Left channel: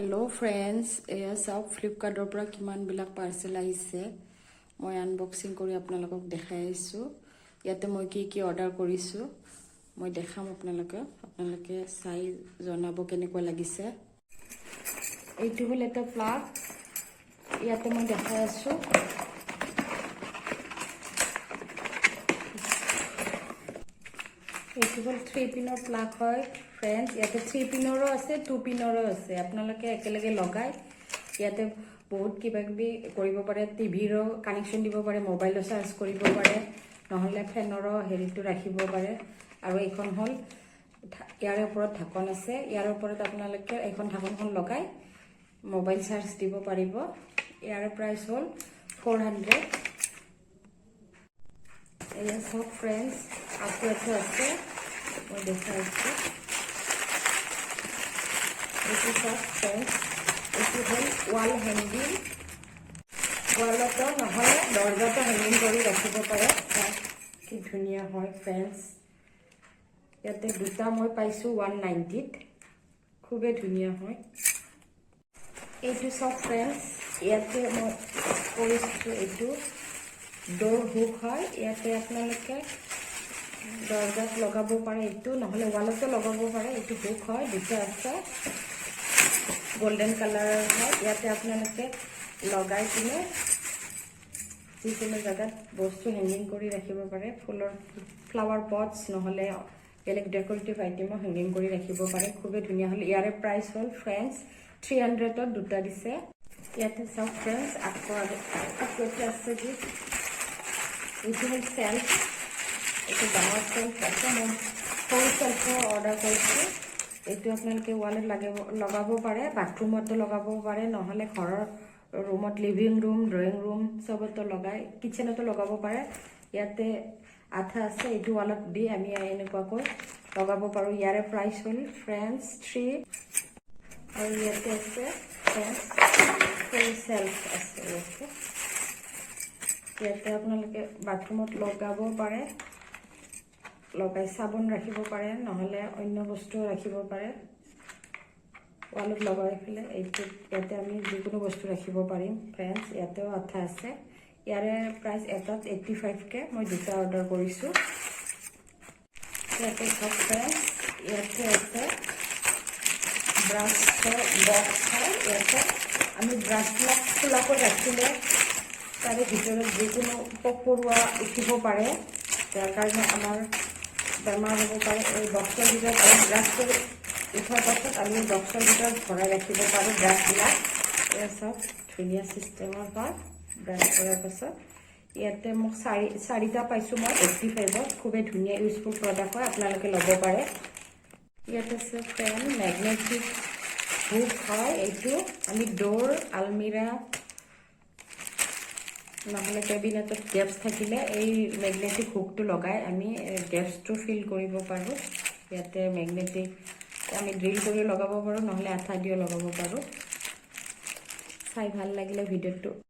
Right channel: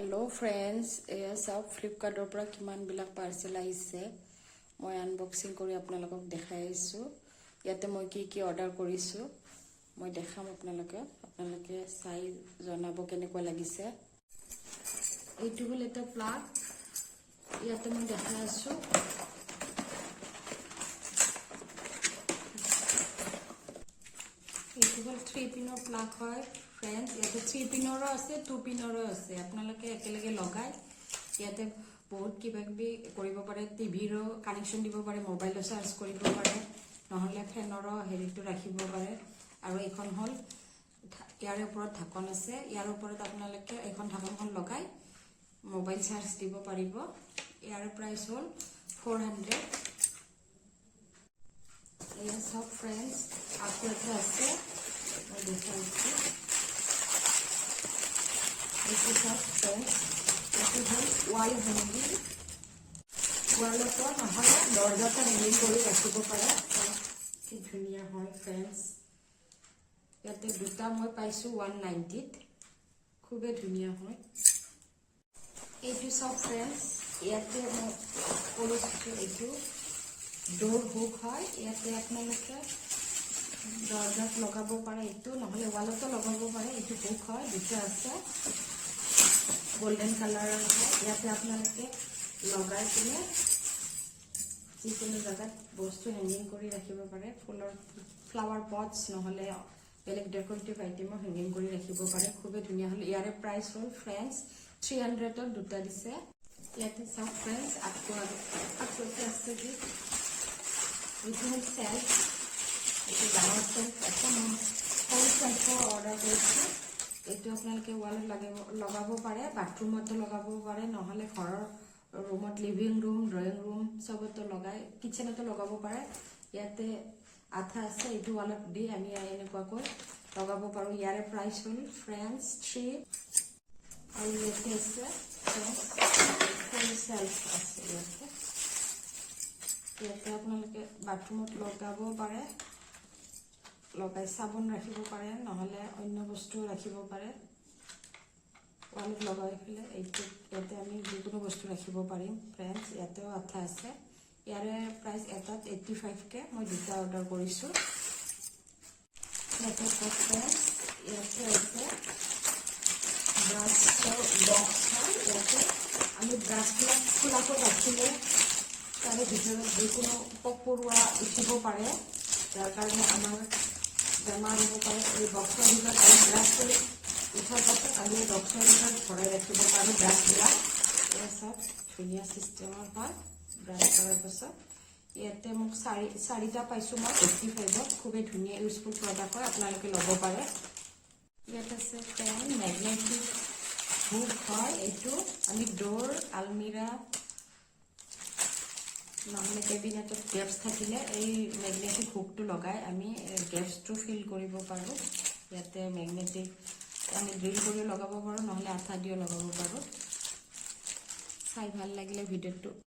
Hello friends एया सब फ्लिपकार्टर পৰা কিমান বিলাক পাৰ্সেল আহিছে মই আনবক্সিং কৰি আপোনালোকক দেখাই আছো ইয়াতে মই কি অৰ্ডাৰ কৰিছো মই দেখাম আপোনালোকে চাই জনাব কেনেকুৱা লাগিছে এইটো হল এটা প্লাগ ইয়াতে মই দেখাই আছো এইটো হল 3 পিনৰ প্লাগ হয় फ्रेंड्स ইয়াতে 3 পিনৰো আছে 2 পিনৰো আছে আপোনালোকে একেলগে লগাই ইয়াতে বহুত কিবাকিবি কৰিব পাৰে টিভিৰো কানেকচন দিব পাৰে মোবাইলৰ চাৰ্জ কৰিব পাৰে নহলে ফেনৰো হেৰিটো ৰাখিব পাৰে আৰু এইখন হল ইয়াৰ ওপৰত ঢাকন আছে ইয়াৰ ওপৰত আপোনালোকে এইখন ঢাকনখন লগাই মোবাইল চাৰ্জ দিব পাৰিব ইয়াৰ প্ৰাইস হল 400 এয়া সব फ्रेंड्स आपको আছে মই দেখাইছো This is a fence. This is a wall hanging. Wall to নহলে দরজাটা হ্যাঙ্গিং কৰি ৰাখিব পাৰে কি ধুনিয়া হয় ফেন্স ইয়াতে দুটা মই পাইছো 190 ত খুবে ধুনিয়া হয় এইটো সব ফ্ৰেন্স ইয়াতে মই কৰিছো এইটো ডোৰ হুক হয় ইয়াতে আপোনালোকে দৰজাত লগাব পাৰে এইটো নহলে ওয়ালতে লগাব পাৰে এইটো হুক হয় দুটা আছে गोल्डन कलर है ইয়াতে আপোনালোকে লগাই কিনে যিকোনো জায়গাত বস্তু হ্যাঙ্গিং কৰি ৰাখিব পাৰে ফুলৰ ফ্লাৱাৰ পটস নহলে বেলেগ ডেকোৰেটিভ আইটেম হ্যাঙ্গিং কৰি ৰাখিব পাৰে খুবে ধুনিয়া হল ইয়াৰে প্ৰাইস হল फ्रेंड्स 300 ত দুটা দিছে ইয়াতে সব फ्रेंड्स आपको আছে কি এইটো হল সেলফ এইটো ডাঙৰ সেলফ আছে মই হোল সেলফ অৰ্ডাৰ কৰিছো এইটো আপোনালোকে ওয়ালত লগাব পাৰে বাথৰুমতো লগাব পাৰে নহলে ঘৰৰ ৰুমত লিভিং ৰুম ড্ৰয়িং ৰুম সবতো লগাই কিচেনতো লগাব পাৰে ইয়াতে আঠা আছে এইটো ওয়ালত দি আমি এনেকুৱাকৈ লগাব পাৰো ইয়াৰে প্ৰাইস হল फ्रेंड्स 3 আৰু ইয়াতে আছে ফুল সেলফ আছে ইয়াতে আপোনালোকে বাথৰুমত লগাব পাৰে লগাই সাবন ৰাখিব পাৰে নহলে অন্য বস্তু ৰাখিব পাৰে ওয়ালত লগাই ফেলে এইটো ইয়াতে আমি যিকোনো বস্তু ৰাখিব পাৰিম फ्रेंड्स ইয়াতেও আঠা আছে ইয়াৰে প্ৰাইস এটাত 85 কে মই দুটা অৰ্ডাৰ কৰিছো ইয়াতে फ्रेंड्स ইয়াতে আছে ব্ৰাছৰ বক্স হয় ইয়াতে আমি ব্ৰাছবিলাক খোলা কৰি ৰাখিলে তাৰে ভিতৰত যিকোনো পকৰুৱা উঠিব পাৰে তাৰ কাৰণে আমাৰ বেমাৰ হ'ব পাৰে এই বক্সৰ ভিতৰত ব্ৰাছ কৰি উঠাৰ পাছত আমি বক্সৰ ভিতৰত ভৰাই ৰাখিব পাৰোঁ ব্ৰাছবিলাক এই সব ধুনীয়া চিষ্টেমৰ হয় ব্ৰাছ কৰাৰ পাছত ইয়াতে মোক চাৰিটা পাইছোঁ মই 85 খুবেই ধুনীয়া ইউজফুল প্ৰডাক্ট হয় আপোনালোকে ল'ব পাৰে ইয়াতে আছে ফেন মেগনেটিক হুক হয় এইটো আমি ডোৰ আলমিৰা নহলে কেবিনেটত গেপস থাকিলে এই ম্যাগনেটিক হুকটো লগাই আমি গেপসটো ফিল কৰিব পাৰো ইয়াতে ম্যাগনেটিক আমি ড্ৰিল কৰি লগাব পাৰো নহলে আঠা দিও লগাব পাৰো চাই ভাল লাগিলে ভিডিওটো